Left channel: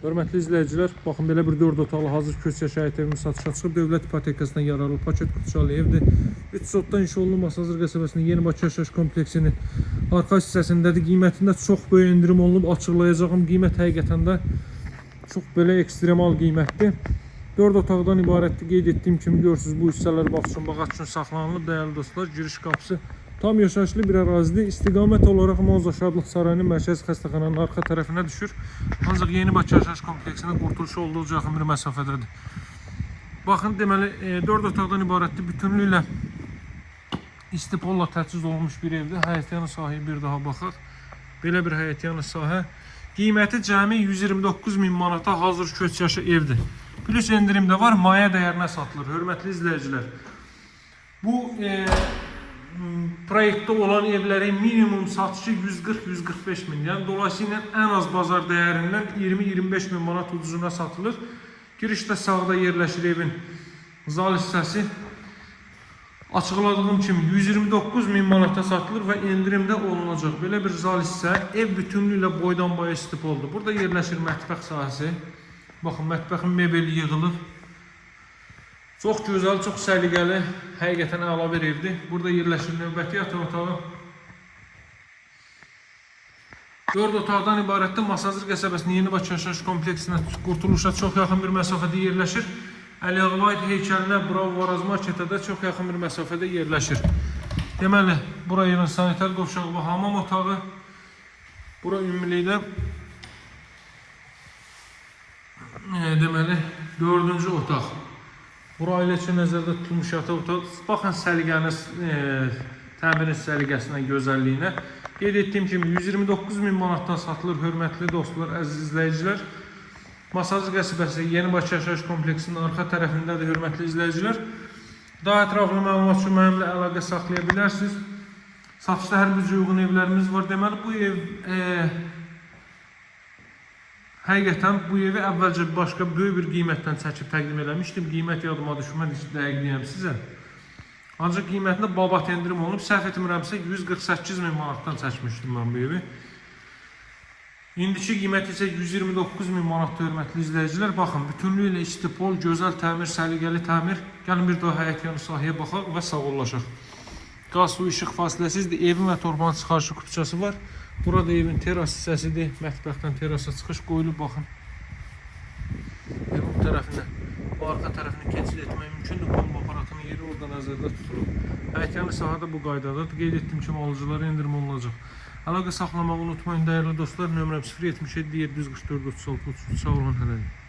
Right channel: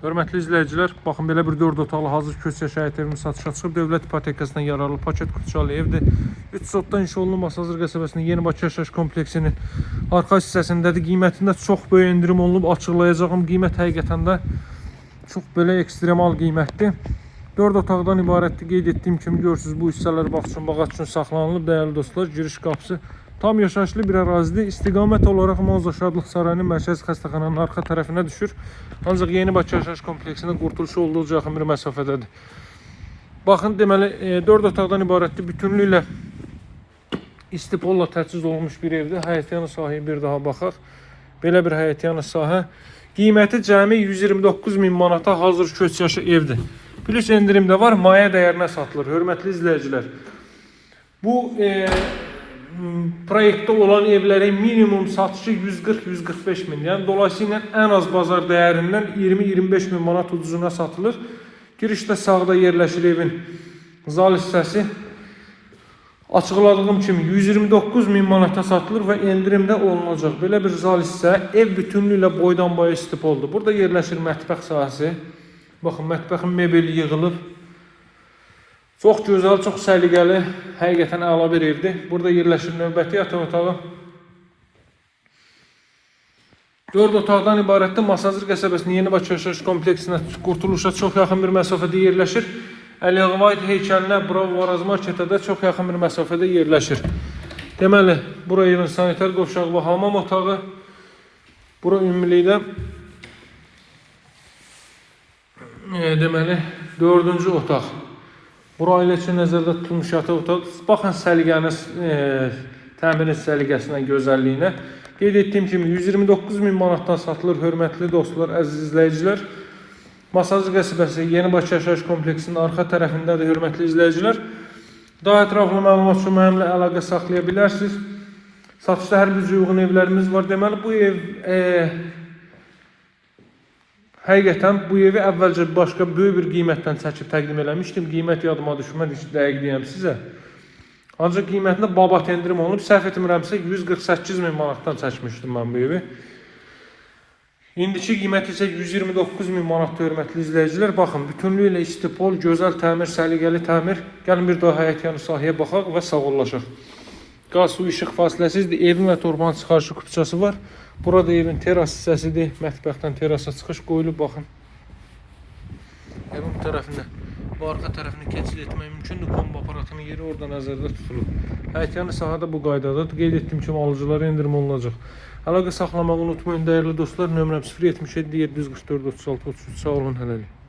Hörmətli izləyicilər, baxın belə bir 4 otaqlı hazır köç yaşayət evimiz satışa çıxıb. Dövlət ipotekasından yararlı paket qutucalı evdir. 3 sotdan inşa olunmuş Masazır qəsəbəsinin Yeni Bakı yaşayış kompleksinin arxa hissəsindədir. Qiymətində çox böyük endirim olunub, açıqlayacağım. Qiymət həqiqətən də çox belə ekstremal qiymətdir. 4 otaqdan ibarətdir. Qeyd etdiyim kimi görürsünüz, bu hissələr bax üçün, bağaç üçün saxlanılıb. Dəyərli dostlar, giriş qapısı tam yaşayışlı bir ərazidir. İstiqamət olaraq Manzo Şadlıq Sarayının mərkəzi xəstəxananın arxa tərəfinə düşür. Ancaq Yeni Bakı yaşayış kompleksinin qurtuluşu olduqca yaxın bir məsafədədir. Baxın, deməli 4 otaqdan ibarətdir. Bütünlüklə istipolla təchiz olunmuş bir evdir. Həyətyanı sahəyə bir daha baxaq. Belə bir həyətyanı sahə. Qiyməti cəmi 129.000 manata hazır köç yaşı evdir. Plus endirim də var, maya dəyərinə satılır. Hörmətli izləyicilər, bu proyektdə olan evlərin minimum satışı 140-145 min. Yəni dolayısıyla ən az bazar dəyərindən 20-25 min manat ucuzuna satılır. Girişdə sağda yerləşir evin zal hissəsi. Açıqladığım kimi 129 min manata satılır və endirimdə olunacaq. Belə bir zal hissə ev bütünlüklə boydan boya istipoldur. Burada yerləşir mətbəx sahəsi. Baxın, mətbəxin mebeli yığılıb. Çox gözəl, çox səliqəli, həqiqətən əla bir evdir. Burada yerləşir növbəti yataq otağı. 4 otaqdan ibarətdir. Masazır qəsəbəsinin Yeni Bakı yaşayış kompleksinə qurtuluşa çox yaxın bir məsafədə yerləşir. Əliyağvayt heykəlinə, Varaz marketə də çox yaxın bir məsafədə yerləşir. Deməli, bura evin sanitar qovşağı və hamam otağı. Bura ümumilikdə deməli 4-cü otaq. Bura ailə üçün nəzərdə tutulmuş yataq otaq. Baxın səliqəniz, təmirin səliqəsinə, gözəlliyinə. Qeyd etdiyim kimi 129 min manatdan satılır. Hörmətli dostlar, əziz izləyicilər. Masazır qəsəbəsi Yeni Bakı yaşayış kompleksinin arxa tərəfindədir, hörmətli izləyicilər. Daha ətraflı məlumat üçün mənimlə əlaqə saxlaya bilərsiniz. Satışda hər bir uyğun evlərimiz var. Deməli, bu ev həqiqətən bu evi əvvəlcə başqa böyük bir qiymətdən çəkib təqdim eləmişdim. Qiymət yadıma düşmədi, dəqiq deyəm sizə. Ancaq qiymətində babat endirim olunub. Səhv etmirəmsə 148 min manatdan çəkmişdim mən bu evi. İndiki qiyməti isə 129 min manatda, hörmətli izləyicilər. Baxın, bütünlüklə istipol, gözəl təmir, səliqəli təmir. Gəlin bir daha həyətyanı sahəyə baxaq və sağollaşaq. Qaz, su, işıq fasiləsizdir. Evin və torbanın çıxarışı kupçası var. Burada evin teras hissəsidir. Mətbəxdən terasa çıxış qoyulub, baxın. Evin bu tərəfində, bu arxa tərəfini keçid etmək mümkündür. Kombo aparatının yeri orada nəzərdə tutulub. Həyətyanı sahədə bu qaydadadır. Qeyd etdiyim kimi alıcılara endirim olunacaq. Əlaqə saxlamağı unutmayın, dəyərli dostlar. Nömrəm 077 744 36 33. Sağ olun, hələlik.